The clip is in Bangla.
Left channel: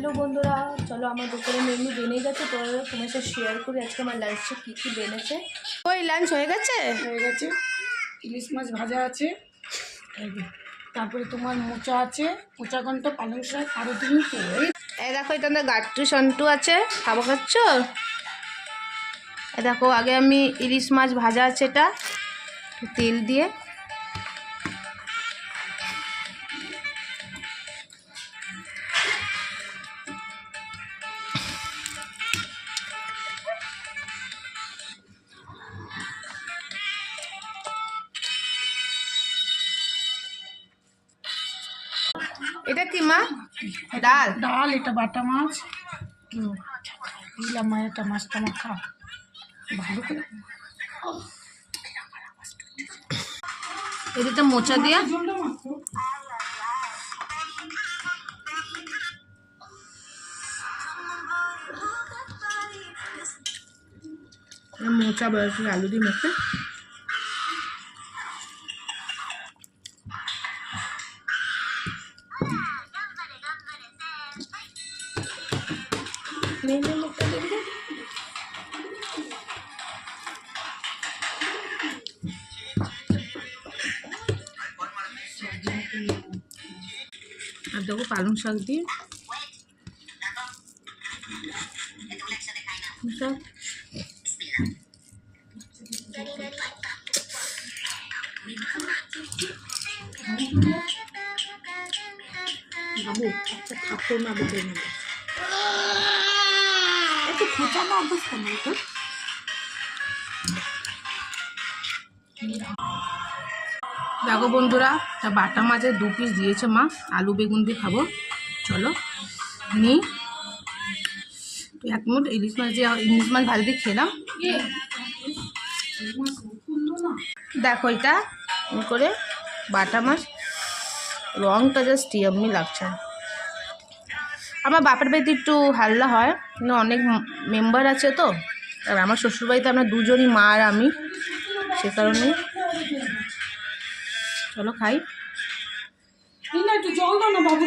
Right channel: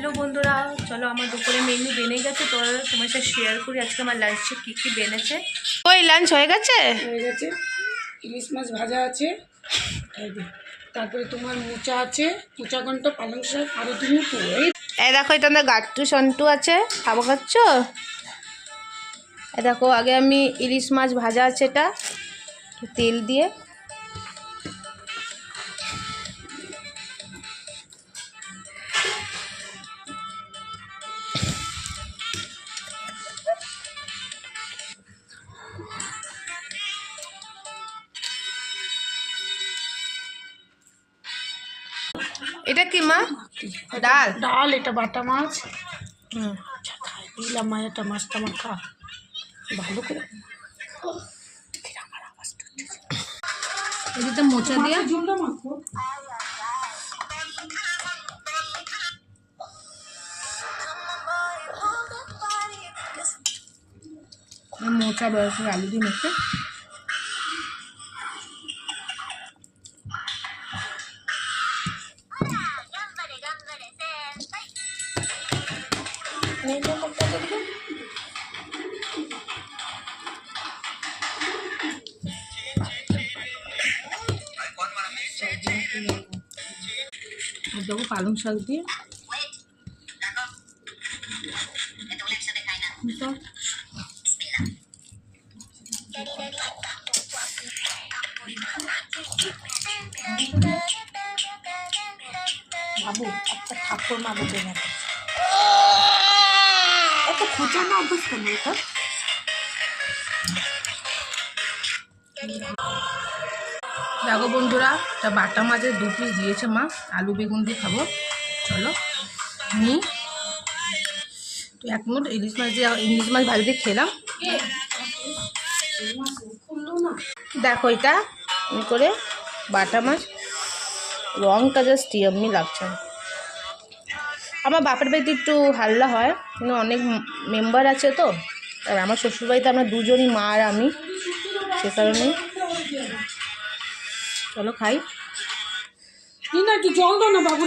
হ্যালো বন্ধুরা, চলো আমার দুপুরে মেনু বেনে গেছে, তো তোমার সাথে শেয়ার করি আজকে আমার লাঞ্চে কী কী বেনেছে। ওই লাঞ্চ হয়ে গেছে? ইলিশ মাছ ভাজা আছে, তারপরে তোমার মোচা আছে, মোচা ঘন্ট, পালং শাক, আরও তুমি এই দেখো, এটা আমাদের গাট্টু সন্টু আছে, খাবো খাচ্ছ? এই দেখো, আগে আমি ইলিশ মাছ ভাজা আছে, এটা তেল দিয়ে এটা কি মা? ডাল ডাল, এটা বাটা মাছ। দিলাম মায়েরটা মাছটা মাখা ভালো করে। এদিকে মোচা দিয়ে মোচা বয়সের আলু দিয়ে মেখে আর দেবো পালং শাক দিয়ে ঠাকুর মা বলে গেল এত খোঁচা না অভ্যাস কেন এটা। দেখো বন্ধুরা, এটা বাটা মাছের 2 পিস দিয়েছে মা, আলু বেগুন দিয়ে খাবো। চলো নি তো 1 মিনিট ইলিশ মাছ ভাজি দিয়ে খেলাম। দেখো এটা করে বাটা মাছ, রংটা জাস্ট ইয়াম্মি লাগছে। আমার বাপের বাড়িতে একটু হাল্লা হয়, কিন্তু অনেক মেম্বার আছে তো, আর আমার শ্বশুরবাড়িতে আমরা দুজনই, মা আর আমি, সে কারণেই। চলো খাই। জল দাও না বাবু।